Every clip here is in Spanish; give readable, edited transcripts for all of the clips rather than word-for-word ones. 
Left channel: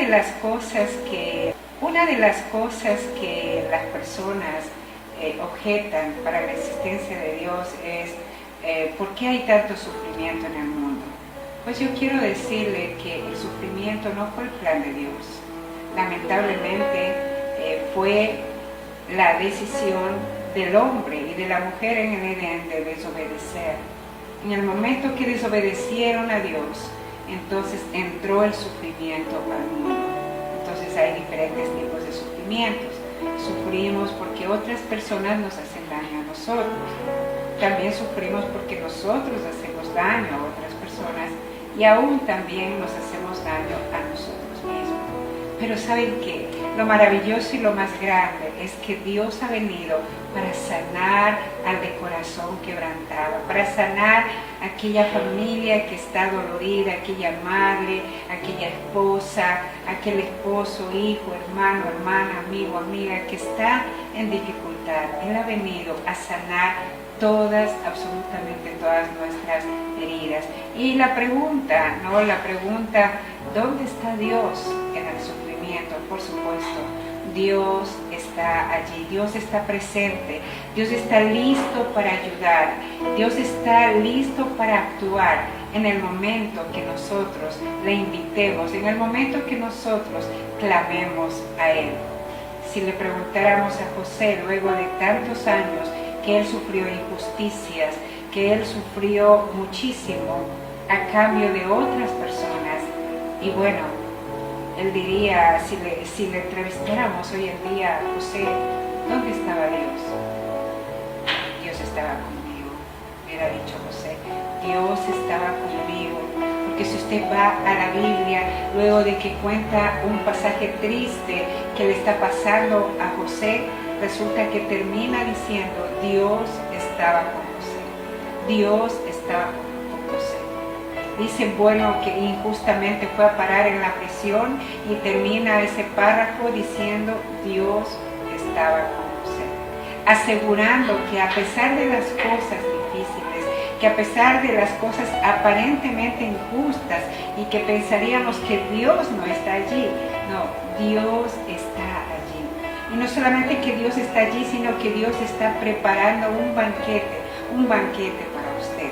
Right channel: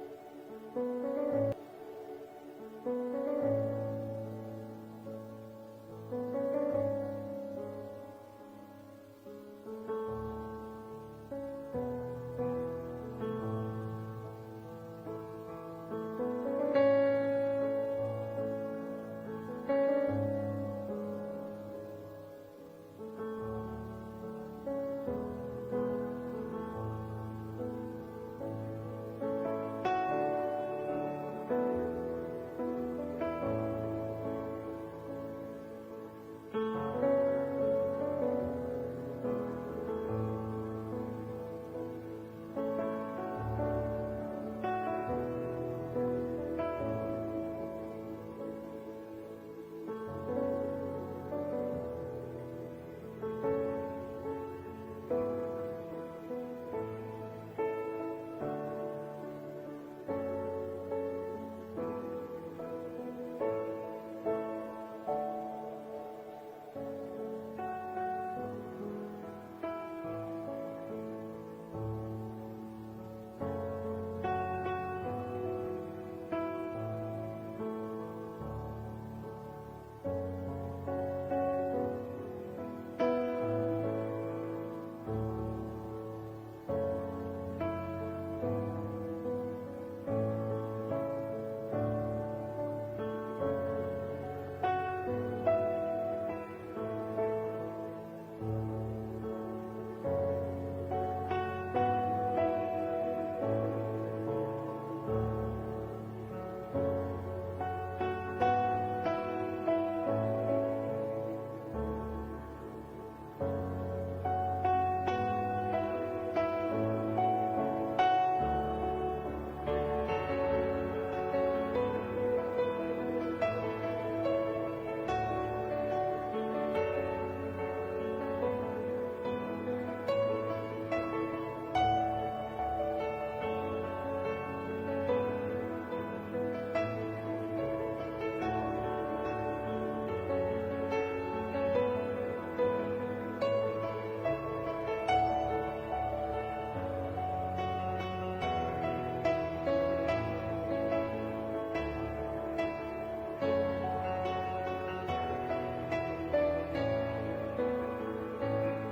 una de las cosas que las personas objetan para la existencia de Dios es ¿por qué hay tanto sufrimiento en el mundo? Pues yo quiero decirle que el sufrimiento no fue el plan de Dios. Lamentablemente fue la decisión del hombre y de la mujer en el Edén de desobedecer. En el momento que desobedecieron a Dios, entonces entró el sufrimiento al mundo. Entonces hay diferentes tipos de sufrimientos. Sufrimos porque otras personas nos hacen daño a nosotros. También sufrimos porque nosotros hacemos daño a otras personas y aún también nos hacemos daño a nosotros mismos. Pero ¿saben qué? Lo maravilloso y lo más grande es que Dios ha venido para sanar al de corazón quebrantado, para sanar aquella familia que está dolorida, aquella madre, aquella esposa, aquel esposo, hijo, hermano, hermana, amigo, amiga que está en dificultad. Él ha venido a sanar absolutamente todas nuestras heridas. Y la pregunta, ¿dónde está Dios en el sufrimiento? Por supuesto, Dios está allí, Dios está presente, Dios está listo para ayudar, Dios está listo para actuar en el momento que nosotros le invitemos, en el momento que nosotros clamemos a Él. Si le preguntáramos a José luego de tantos años que él sufrió injusticias, que él sufrió muchísimo a cambio de otras personas, y bueno, él diría, si le entrevistáramos hoy en día, José, ¿dónde estaba Dios? Dios estaba conmigo, hubiera dicho José, Dios estaba conmigo. Porque si usted va a la Biblia, luego de que cuenta un pasaje triste que le está pasando a José, resulta que termina diciendo, Dios estaba con José. Dios estaba con José. Dice, bueno, que injustamente fue a parar en la prisión y termina ese párrafo diciendo, Dios estaba con José. Asegurando que a pesar de las cosas difíciles, que a pesar de las cosas aparentemente injustas y que pensaríamos que Dios no está allí, no, Dios está allí. Y no solamente que Dios está allí, sino que Dios está preparando un banquete para usted.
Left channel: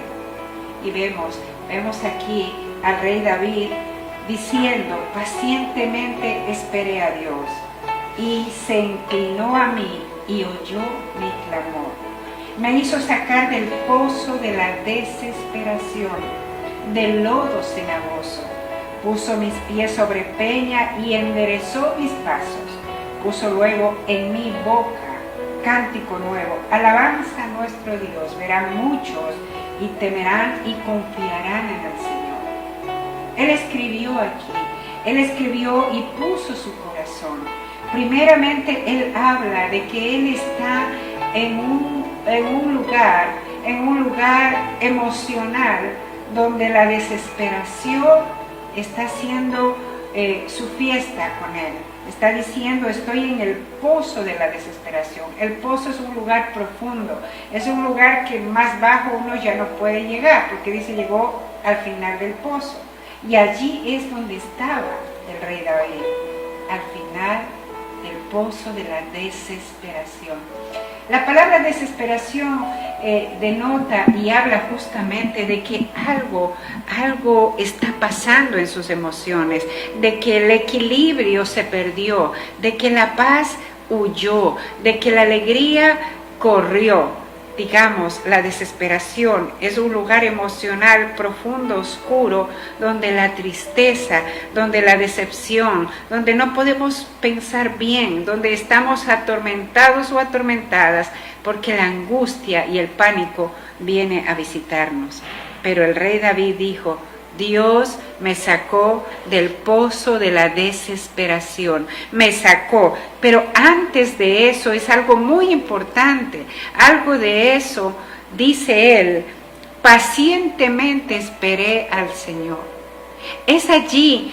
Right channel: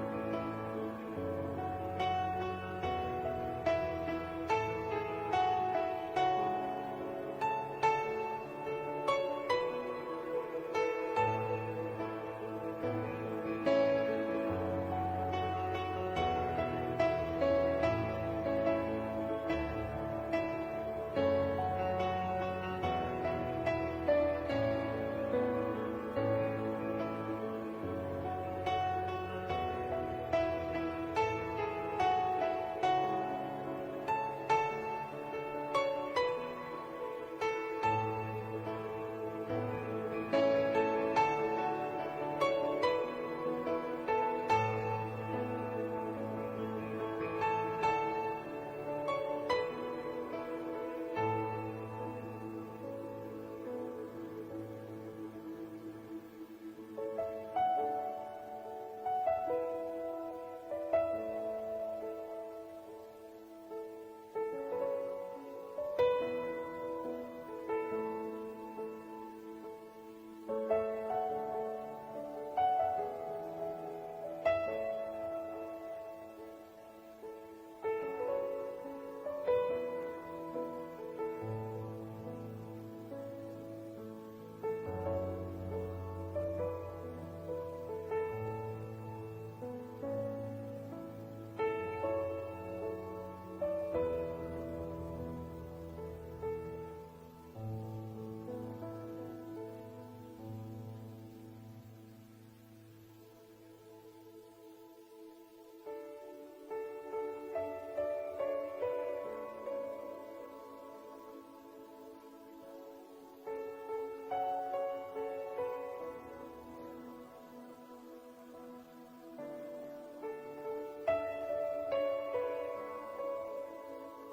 Y vemos aquí al rey David diciendo, pacientemente esperé a Dios y se inclinó a mí y oyó mi clamor. Me hizo sacar del pozo de la desesperación, del lodo cenagoso. Puso mis pies sobre peña y enderezó mis pasos. Puso luego en mi boca cántico nuevo, alabanza a nuestro Dios. Verán muchos y temerán y confiarán en el Señor. Él escribió aquí, Él escribió y puso su corazón. Primeramente Él habla de que Él está en un lugar emocional donde la desesperación está haciendo su fiesta con Él. Está diciendo, estoy en el pozo de la desesperación. El pozo es un lugar profundo, es un lugar que más bajo uno ya no puede llegar, porque dice, llegó al final del pozo. Y allí es donde estaba el rey David, al final del pozo de la desesperación. La palabra desesperación denota y habla justamente de que algo está pasando en sus emociones, de que el equilibrio se perdió, de que la paz huyó, de que la alegría corrió. Digamos, la desesperación es un lugar emocional profundo, oscuro, donde la tristeza, donde la decepción, donde no podemos pensar bien, donde estamos atormentados o atormentadas, porque la angustia y el pánico viene a visitarnos. Pero el rey David dijo, Dios me sacó del pozo de la desesperación, me sacó. Pero antes de eso es algo muy importante, algo de eso, dice él, pacientemente esperé al Señor. Es allí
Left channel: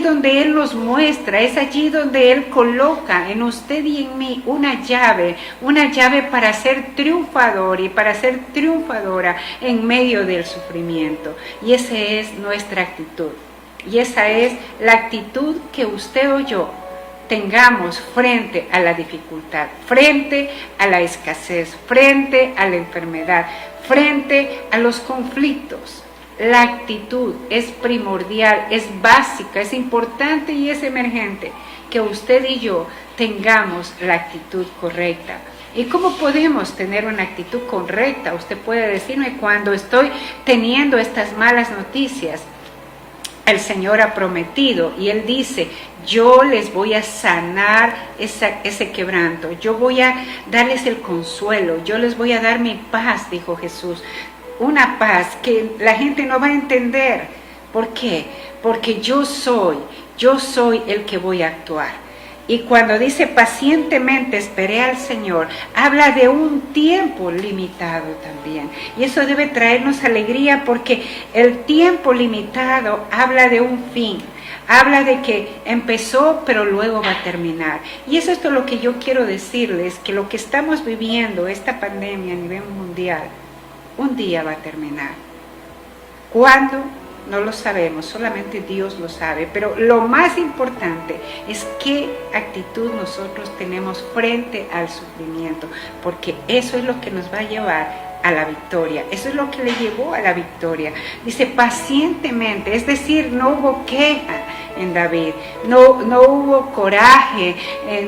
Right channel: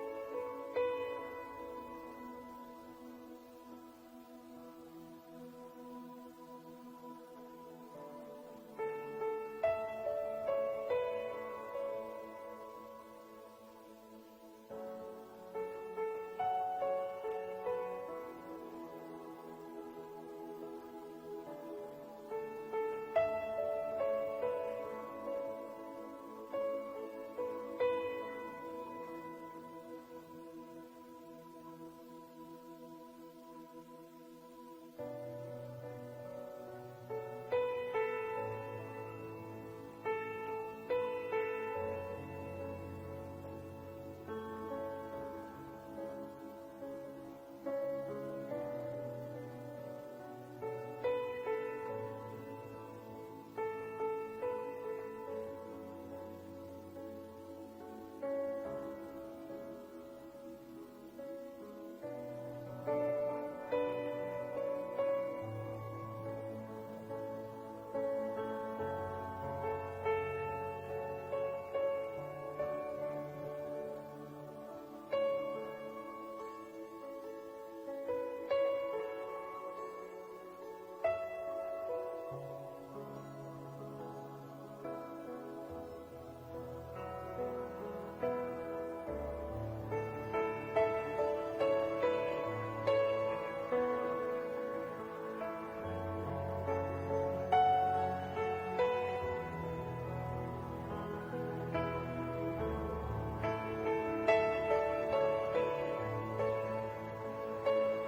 donde Él nos muestra, es allí donde Él coloca en usted y en mí una llave para ser triunfador y para ser triunfadora en medio del sufrimiento. Y esa es nuestra actitud. Y esa es la actitud que usted o yo tengamos frente a la dificultad, frente a la escasez, frente a la enfermedad, frente a los conflictos. La actitud es primordial, es básica, es importante y es emergente que usted y yo tengamos la actitud correcta. ¿Y cómo podemos tener una actitud correcta? Usted puede decirme, cuando estoy teniendo estas malas noticias, el Señor ha prometido y Él dice, yo les voy a sanar ese quebranto, yo voy a darles el consuelo, yo les voy a dar mi paz, dijo Jesús. Una paz que la gente no va a entender. ¿Por qué? Porque yo soy el que voy a actuar. Y cuando dice pacientemente esperé al Señor, habla de un tiempo limitado también. Y eso debe traernos alegría porque el tiempo limitado habla de un fin. Habla de que empezó, pero luego va a terminar. Y eso es lo que yo quiero decirles, que lo que estamos viviendo, esta pandemia a nivel mundial, un día va a terminar. ¿Cuándo? No lo sabemos, solamente Dios lo sabe. Pero lo más importante es qué actitud nosotros tenemos frente al sufrimiento, porque eso es lo que nos va a llevar a la victoria. Eso es lo que le llevó a la victoria. Dice pacientemente, es decir, no hubo queja en David, no hubo coraje,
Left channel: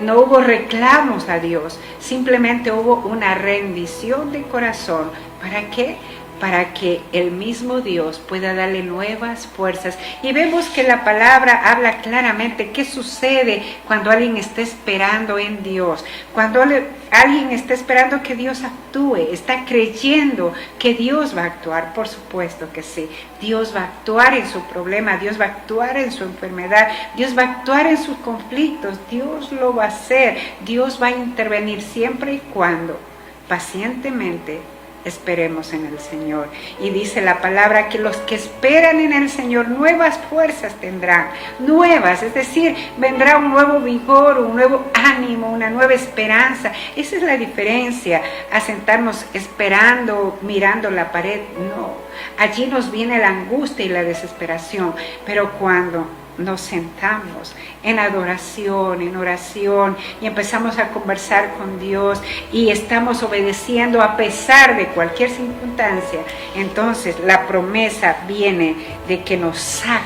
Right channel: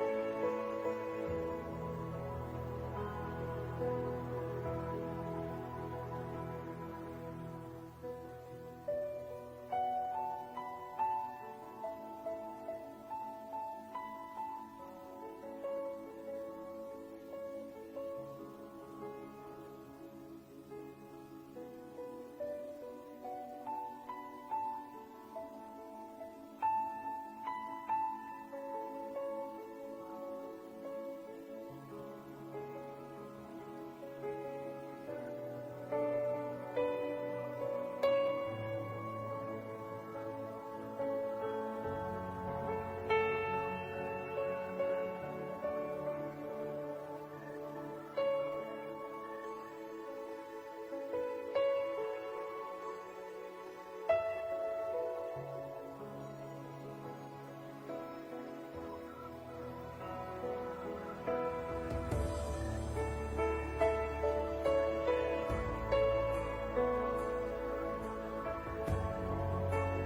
no hubo reclamos a Dios, simplemente hubo una rendición de corazón. ¿Para qué? Para que el mismo Dios pueda darle nuevas fuerzas. Y vemos que la palabra habla claramente qué sucede cuando alguien está esperando en Dios. Cuando alguien está esperando que Dios actúe, está creyendo que Dios va a actuar. Por supuesto que sí. Dios va a actuar en su problema, Dios va a actuar en su enfermedad, Dios va a actuar en sus conflictos, Dios lo va a hacer. Dios va a intervenir siempre y cuando pacientemente esperemos en el Señor. Y dice la palabra que los que esperan en el Señor nuevas fuerzas tendrán, nuevas, es decir, vendrá un nuevo vigor, un nuevo ánimo, una nueva esperanza. Esa es la diferencia a sentarnos esperando, mirando la pared. No, allí nos viene la angustia y la desesperación, pero cuando nos sentamos en adoración, en oración y empezamos a conversar con Dios y estamos obedeciendo a pesar de cualquier circunstancia, entonces la promesa viene de que nos saca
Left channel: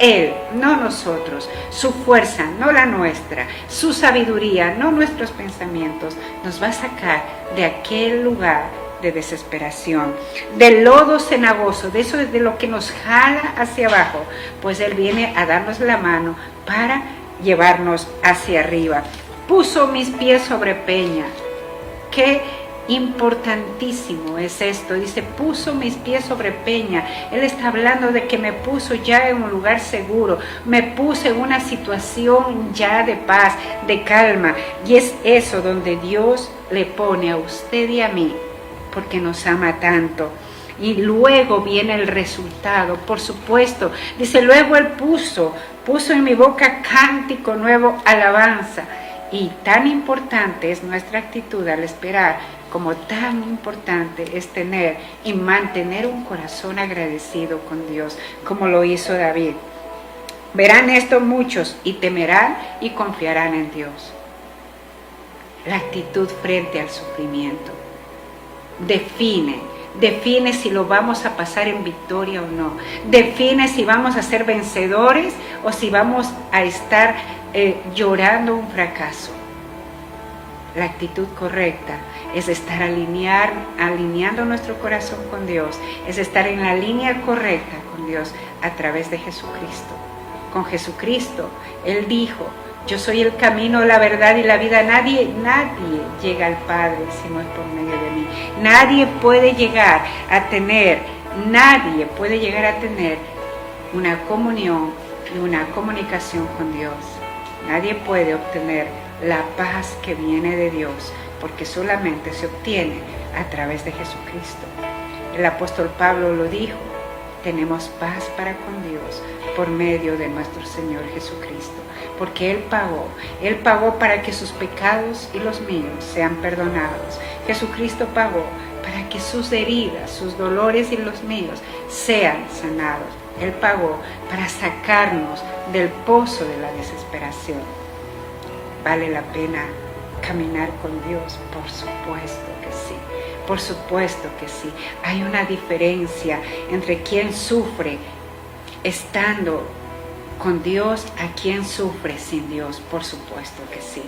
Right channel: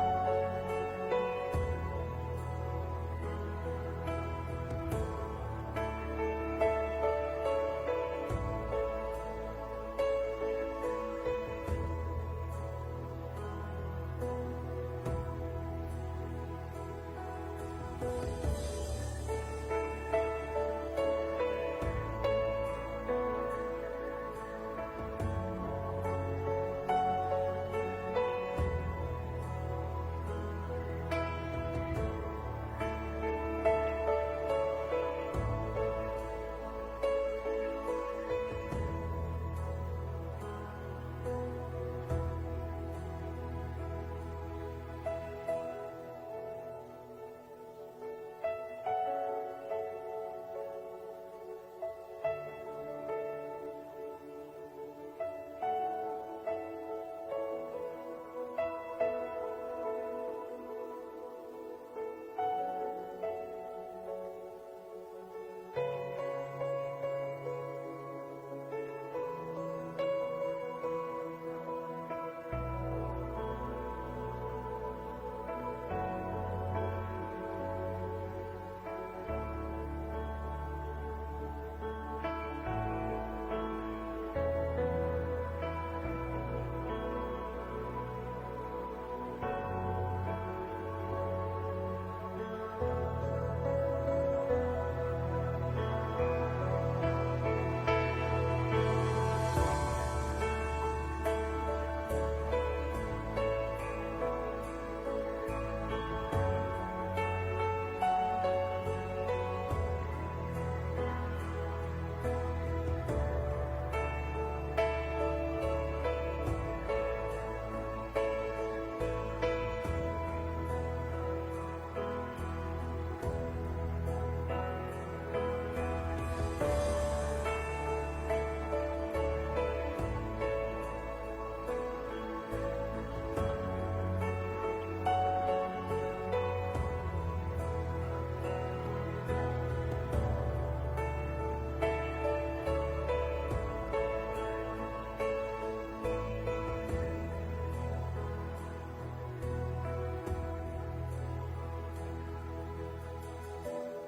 Él, no nosotros, su fuerza, no la nuestra, su sabiduría, no nuestros pensamientos, nos va a sacar de aquel lugar de desesperación, del lodo cenagoso, de eso es de lo que nos jala hacia abajo, pues Él viene a darnos la mano para llevarnos hacia arriba. Puso mis pies sobre peña. Qué importantísimo es esto. Dice, puso mis pies sobre peña. Él está hablando de que me puso ya en un lugar seguro, me puse en una situación ya de paz, de calma, y es eso donde Dios le pone a usted y a mí, porque nos ama tanto. Y luego viene el resultado, por supuesto. Dice, luego Él puso en mi boca cántico nuevo, alabanza. Y tan importante es nuestra actitud al esperar, como tan importante es tener y mantener un corazón agradecido con Dios, como lo hizo David. Verán esto muchos y temerán y confiarán en Dios. La actitud frente al sufrimiento define si lo vamos a pasar en victoria o no, define si vamos a ser vencedores o si vamos a estar llorando un fracaso. La actitud correcta es estar alineando nuestro corazón con Dios, es estar en la línea correcta con Dios a través de Jesucristo. Con Jesucristo, Él dijo, yo soy el camino, la verdad y la vida. Nadie llega al Padre si no es por medio de mí. Nadie puede llegar a tener una comunión y una comunicación con Dios. Nadie puede obtener la paz que viene de Dios, porque solamente se obtiene a través de Jesucristo. El apóstol Pablo lo dijo, tenemos paz para con Dios por medio de nuestro Señor Jesucristo, porque Él pagó para que sus pecados y los míos sean perdonados. Jesucristo pagó para que sus heridas, sus dolores y los míos sean sanados. Él pagó para sacarnos del pozo de la desesperación. ¿Vale la pena caminar con Dios? Por supuesto que sí. Por supuesto que sí. Hay una diferencia entre quien sufre estando con Dios a quien sufre sin Dios. Por supuesto que sí.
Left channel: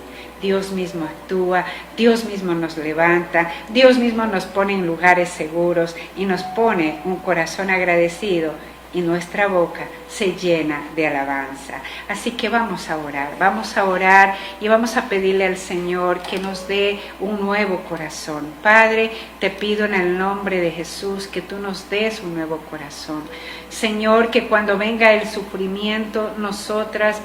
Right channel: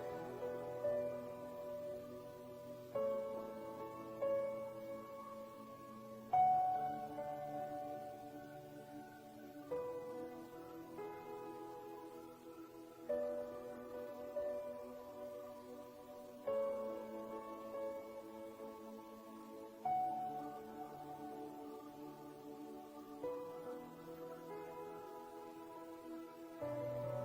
Dios mismo actúa, Dios mismo nos levanta, Dios mismo nos pone en lugares seguros y nos pone un corazón agradecido y nuestra boca se llena de alabanza. Así que vamos a orar y vamos a pedirle al Señor que nos dé un nuevo corazón. Padre, te pido en el nombre de Jesús que tú nos des un nuevo corazón. Señor, que cuando venga el sufrimiento, nosotros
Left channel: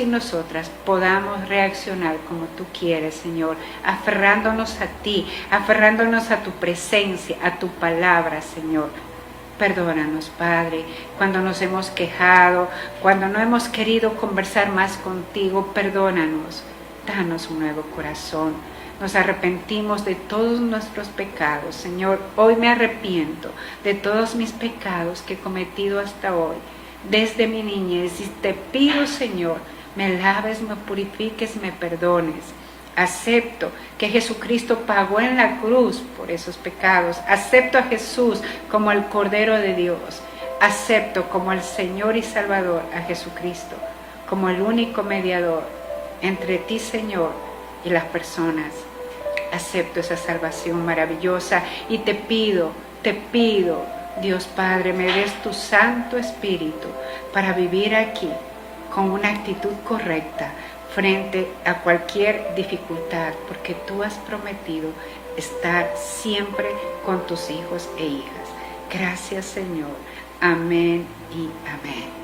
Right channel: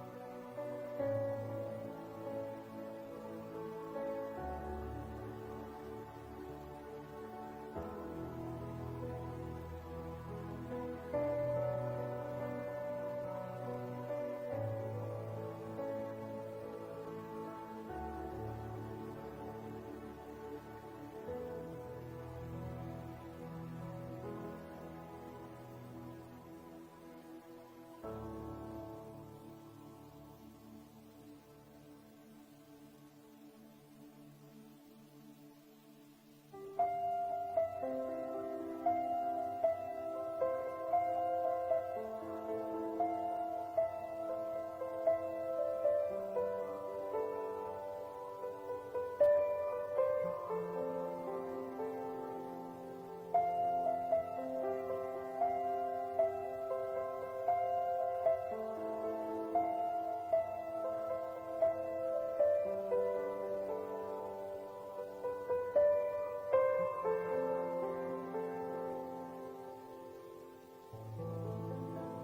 y nosotras podamos reaccionar como tú quieres, Señor, aferrándonos a ti, aferrándonos a tu presencia, a tu palabra, Señor. Perdónanos, Padre, cuando nos hemos quejado, cuando no hemos querido conversar más contigo, perdónanos. Danos un nuevo corazón. Nos arrepentimos de todos nuestros pecados. Señor, hoy me arrepiento de todos mis pecados que he cometido hasta hoy, desde mi niñez. Y te pido, Señor, me laves, me purifiques, me perdones. Acepto que Jesucristo pagó en la cruz por esos pecados. Acepto a Jesús como el Cordero de Dios. Acepto como el Señor y Salvador a Jesucristo, como el único mediador entre ti, Señor, y las personas. Acepto esa salvación maravillosa y te pido, Dios Padre, me des tu Santo Espíritu para vivir aquí con una actitud correcta frente a cualquier dificultad, porque tú has prometido estar siempre con tus hijos e hijas. Gracias, Señor. Amén y amén.